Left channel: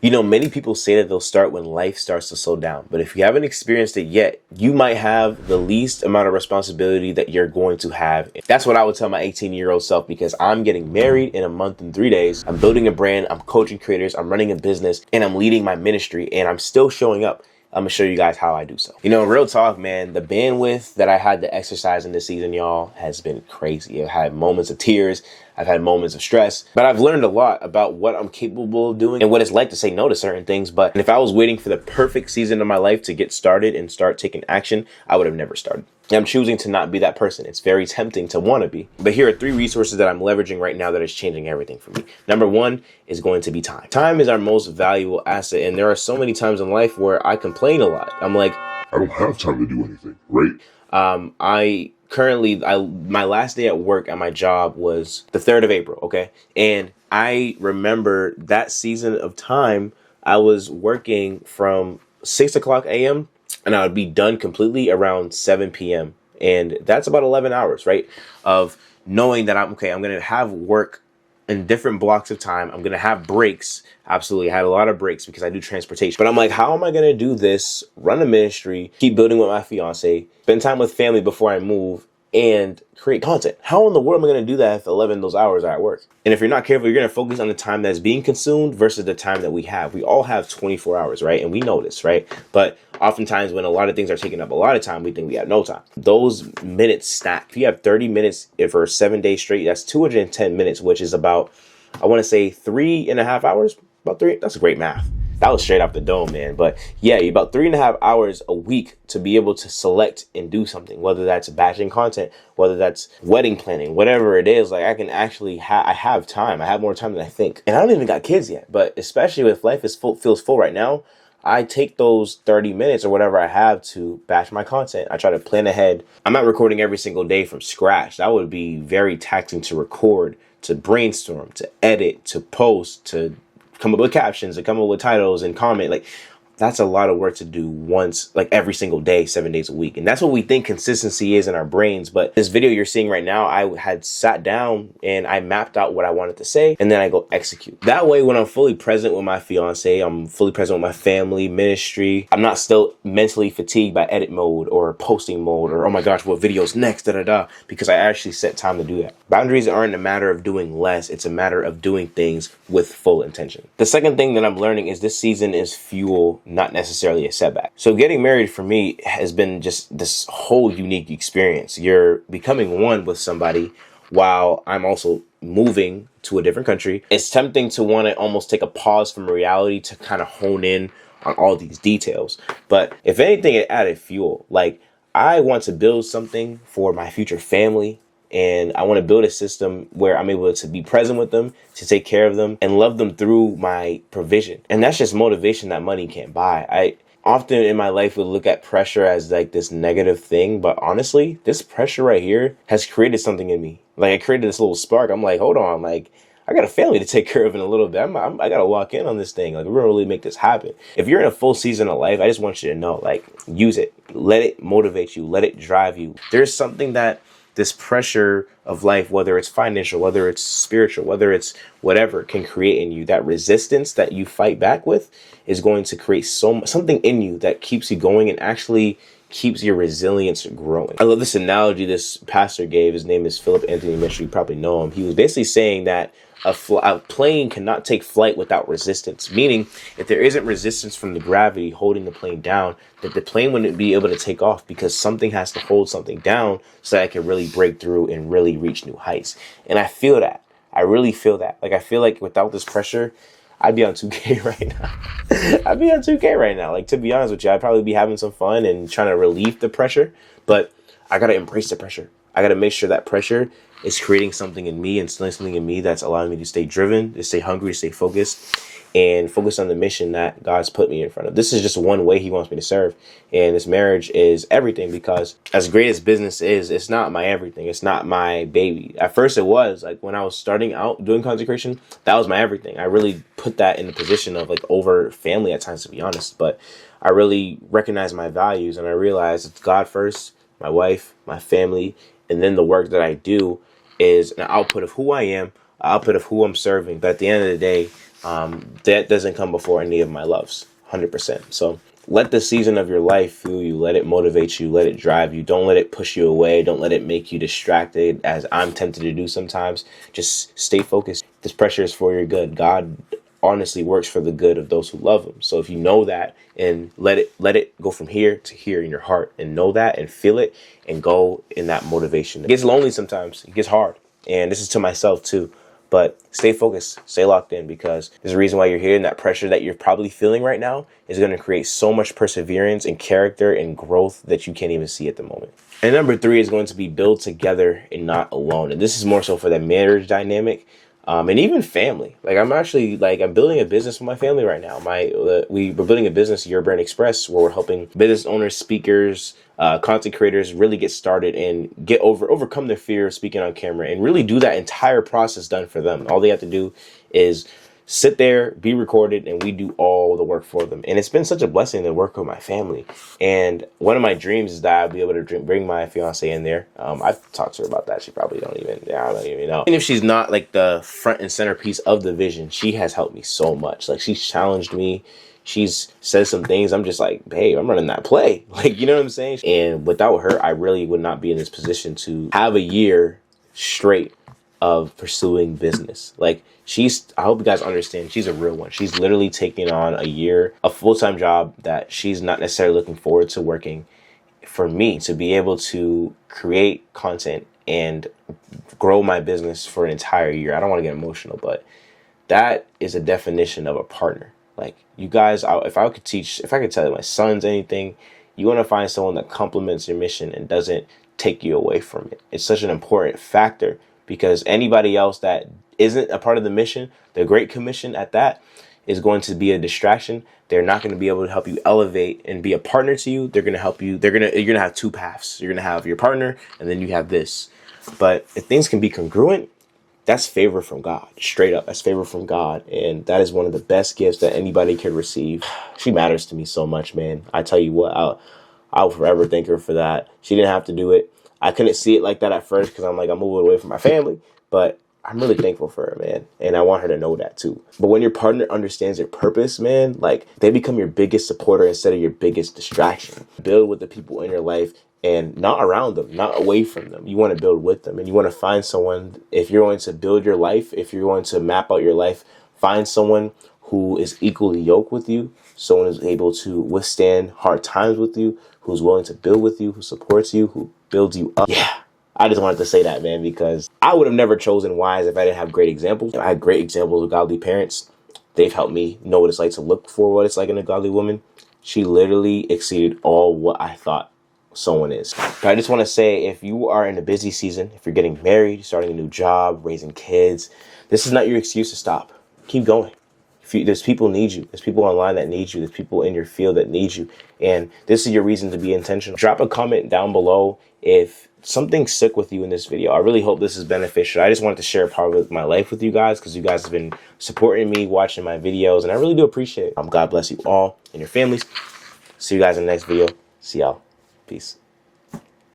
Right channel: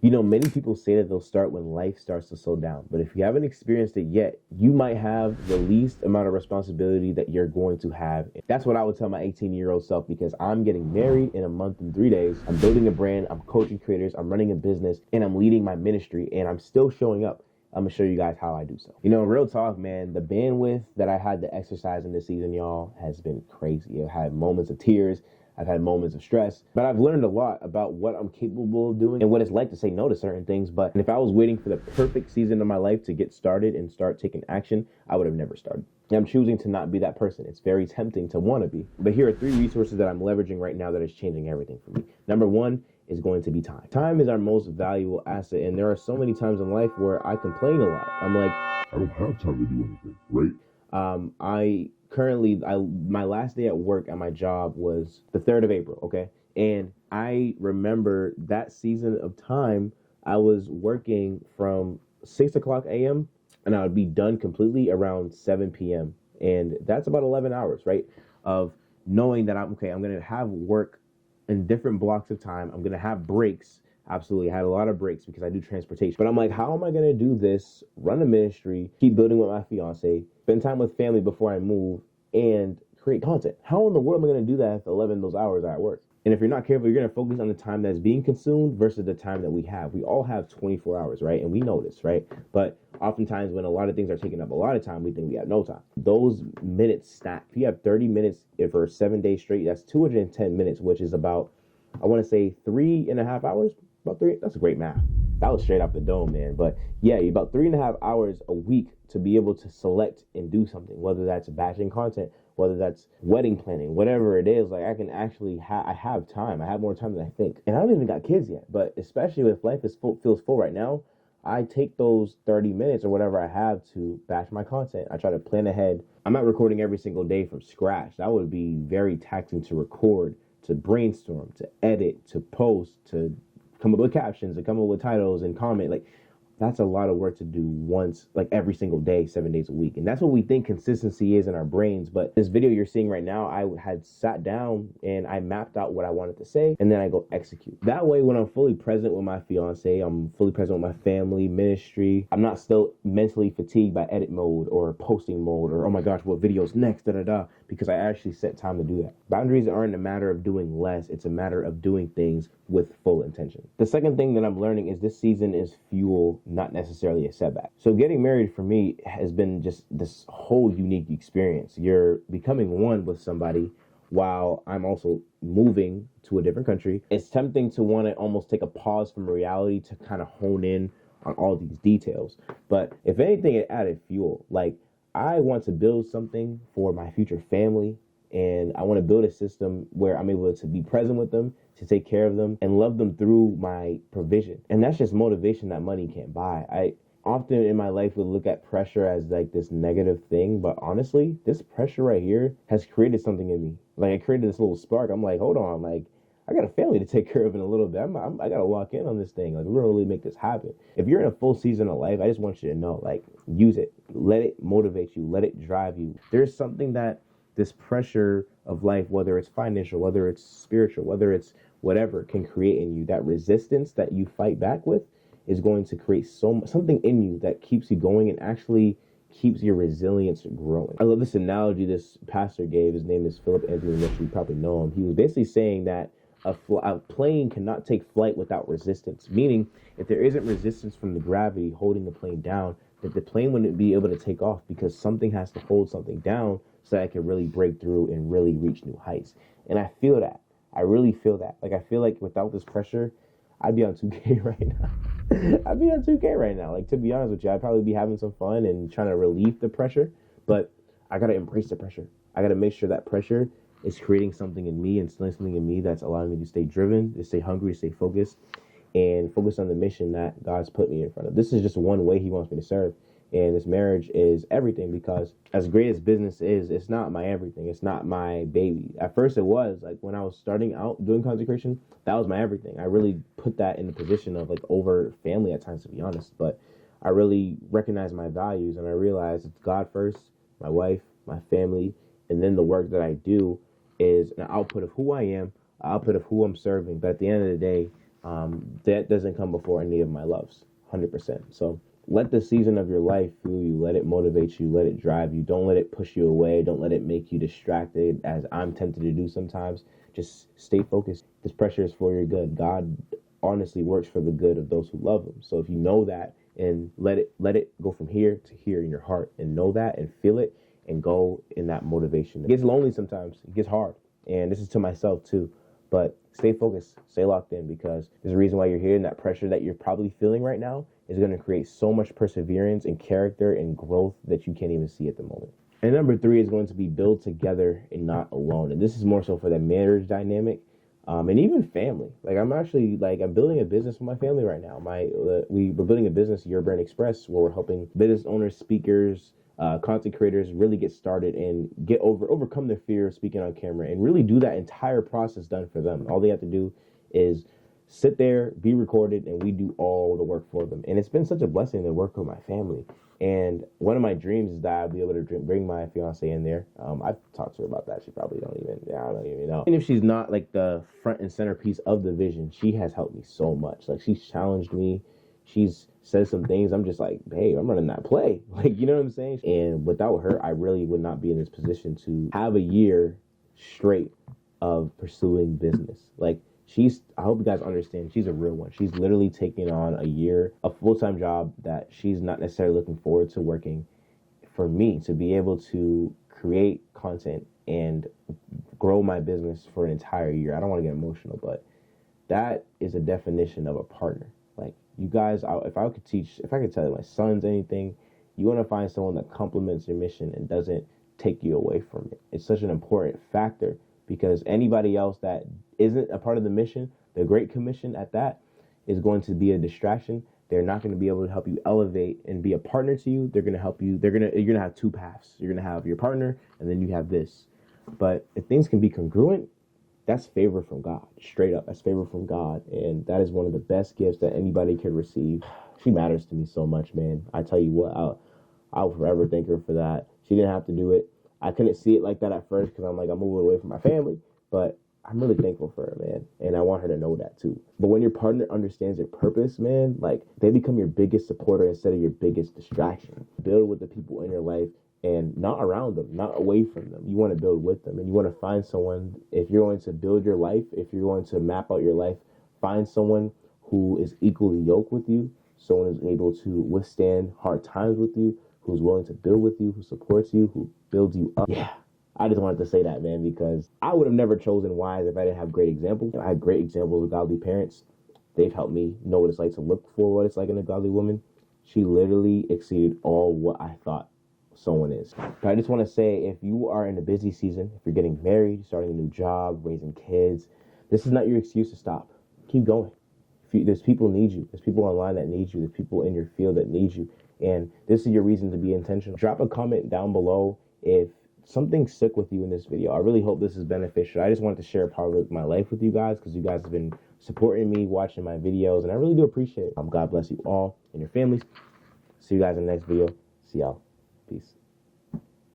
You know, many people say that they'll start when life starts to slow down, but if you haven't experienced it yet, you might have the least amount of responsibility that you're going to have. That's what I would tell my 18-year-old self, because I'm getting married in a month and 3 days. I'm building a brand, I'm coaching creators, I'm running a business, and I'm leading my ministry, and I'm still showing up. I'm gonna show you guys how I do so. You know, real talk, man, the bandwidth that I had to exercise in this season, y'all, has been crazy. I've had moments of tears. I've had moments of stress, but I've learned a lot about what I'm capable of doing and what it's like to say no to certain things. But if I was waiting for the perfect season of my life to get started and start taking action, I would have never started. I'm choosing to not be that person. It's very tempting to want to be. But here are 3 resources that I'm leveraging right now that is changing everything for me. Number 1 is going to be time. Time is our most valuable asset. And there are so many times in life where I complain a lot. I'm like, I don't have time to do anything, right? My last day at work at my job was the 3rd of April. Okay. And I remember that season of time, I was working from 6 o'clock a.m. and I would be done completely around 7 p.m. And that's about 11 hours, right? Of knowing that I'm going to have work in different blocks of time. I'm going to have breaks. Absolutely. I had a lot of breaks because I do transportation. But I'm like, how am I going to do this, run a ministry, keep building with my fiance, spend time with family before I move, and create content? How in the world am I going to do that if 11 of those hours are at work? And if you're not careful, you're going to focus on the time that's being consumed versus the time that we have. We all have 24 hours, right? And we know this, right? But oftentimes when a lot of things are taking up a lot of time, we think we have no time. Those minutes stack. If you have 30 minutes for 7 days straight, that's 210 minutes, which is about, I want to say 3.5 hours. About 3. That's great math. That was straight off the dome, man. But yeah, about 3.5 hours a week to be able to select and do something, whether that's batching content, whether that's wedding planning, whatever it is. Like, I can actually I have time. I have more time than I think. And I don't even got kids yet, but especially if life feels full right now, I take those 30 minutes or whatever I have to batch my content. I try to plan ahead. I'm not recording every single day from scratch. That would be very taxing to record, to brainstorm, to edit, to post, to come up with captions and come up with titles and comment. Like, that's a lot of work to do once, like every single day, 7 days a week. And that's what we think consistency is in our brains. But this video you're seeing right now, I had sat down and I mapped out what I wanted to say, and then I go execute. That way, when I'm fully present with my fiance, I'm fully present with my family, ministry, I'm not still mentally fatigued by edit mode or posting mode or, oh my gosh, what video's next, because I actually set time to do that. Boundaries aren't a matter of doing less. It's a matter of doing things with full intention. The second thing that I'm learning is this season is fuel, not necessarily a setback. So getting married for me has been just this whole unique experience. You're becoming one with somebody while I'm also moving to a different country. It's tempting to want to almost take a pause from reality to kind of hone in on all these details. But if anything, it added fuel. Like, I want to build something for my future family, and I want to build a system where I'm able to be present with them, to take care of them, and love them through my provision. And that's just motivation that money can't buy. I often in my life would look at pressure as like this negative thing, but honestly, this pressure right here has created something in me. Like, it created this little spark. I'm like, hold on, like, I got a family to take care of in a little bit. I got to lock in on this thing. Like, we're going to really make this happen. If you're in a full season of life, I just want you to know, like, use it. Let it motivate you. Let it drive you. There's something that this pressure of life, whether it's financial, whether it's spiritual, whether it's whatever, can create in you. That resistance that you fight back with is going to create something in you that keeps you going and actually keeps your resilience growing. I love this analogy this pastor gave. His name is Philip Anthony Mitchell. You probably know him. He was basically saying that a plane cannot take flight without resistance, meaning if there isn't resistance from the gravity holding the plane down, that the plane wouldn't be able to take off, because something has to hold something down so that it can really break through and really reach new heights. And I feel that. I really feel that. Like, I feel like without this pressure, I'd be on 2K right now. I'd be on 2K right now. Like, to be honest with you, I'd probably be having some fun and trying to relieve the pressure, but I got to embrace the pressure. I got to make sure that pressure is creating something in me, instilling something in me that's allowing me to stay driven, to stay hungry, to stay focused, and focus on the mission that God's put me in front of. This is just one way he wants me to serve. And this marriage is everything, because as great as business is, it's not my everything. It's not my baby. At first it was. Like, when I was starting out doing consecration, that was my everything. I really put that in the position of like over family at times, to be honest. But I really recognized my values, and I realized it's God first, my wife, my family, and then the work that I do is an output of who I am, an output of who I'm serving. But at the end of the day, That doesn't come before any of my loves, 100%. So let the season of your life fuel you. Let it motivate you. Let it drive you. Don't let it push you away. Don't let it make you distracted, as I'm tempted to do sometimes. Just stay focused. This pressure is for your good. God honestly works for the good of those who love him. So if you know that, and let it go from here to here in your heart, and know that and feel it and go in that motivation. It gets lonely sometimes. It gets hard. And this is to myself too. But stay focused, stay locked in, because there's a reason why you're here, and that pressure that you're probably feeling right now is going to create so much perseverance and character and growth that you can't even see at the moment. And number 3 is going to be build together and not alone. And this is more so for the marriage dynamic, and even family. Like I'm building a business with my family right now. We're building a business, Your Brand Express, where we're helping business owners, speakers, content creators really get started and overcome their fear of speaking on camera, and really do that entire process done for them. All they have to do is sit there, be recorded, and we do all the work for them. And it's been such a blessing to work with my family. And one of my dreams is that I'll be able to bring my fiance in there. I've talked to her about that. She probably I don't even know. And if she's not like the front and centerpiece of the vision, she has helped me so much. Like she's challenged me. She's said some things. I'm just like, hey, I'm running that play. Like, you know what I'm saying? And without her, I really would not be in this position to have a year straight of pursuing business. Like I hope you guys understand, she's a real one. She's literally taking on a full-time job that she's not necessarily looking forward to working, for me to be able to create content and grow my business for an entire year. I don't want to get emotional, but that is a definition of a partner. Like you guys, if I could tell my sons anything, you want to find someone that complements your mission and doesn't take you away from it. It's such an important factor, because anybody else that isn't a part of the mission, the Great Commission at that, is going to be a distraction. They're not going to be able to help you elevate and be a partner to you. They're going to help you. You're going to have 2 paths. You're going to have your partner, and then you have this. But if things can be congruent, that's favor from God. Straight up, that's favor from God. And that is one of the best gifts that anybody can receive. She matters to me so much, man. I tell you what, I'll forever thank her for that. She didn't have to do it. I couldn't see it like that at first, because I'm moving away from my family. But I'm really thankful for her, man. And I want her to know that too. But when your partner understands your purpose, man, like they become your biggest supporter instead of your biggest distraction. Build with the people in your life, and not around them, not away from them. You want to build with them, and you want to find someone. If you're going to build your life, if you're going to map out your life, find someone who is equally yoked with you, someone who's able to withstand hard times with you, who's willing to build with you, who supports you, who builds you up. Yeah. I just wanted to say that, man, because I would have never chosen Wise if I didn't have great examples. I had great examples of godly parents. They've helped me know what it's like to look for what it's like in a godly woman. She literally exceeded all what I thought someone is. But I just want to say, if you are in a busy season, if you're getting married, starting a new job, raising kids, this is not your excuse to stop. Keep going. There's people need you. There's people online that need you. There's people in your field that need you. And this is your reason to be intentional. Drop a comment down below if something stuck with you in this video. I really hope this is beneficial. I just wanted to share a part of my life with you guys, because you guys have been supporting me, watching my videos, and I really do appreciate it. God bless you all and your families. See you guys in the next video. See y'all. Peace.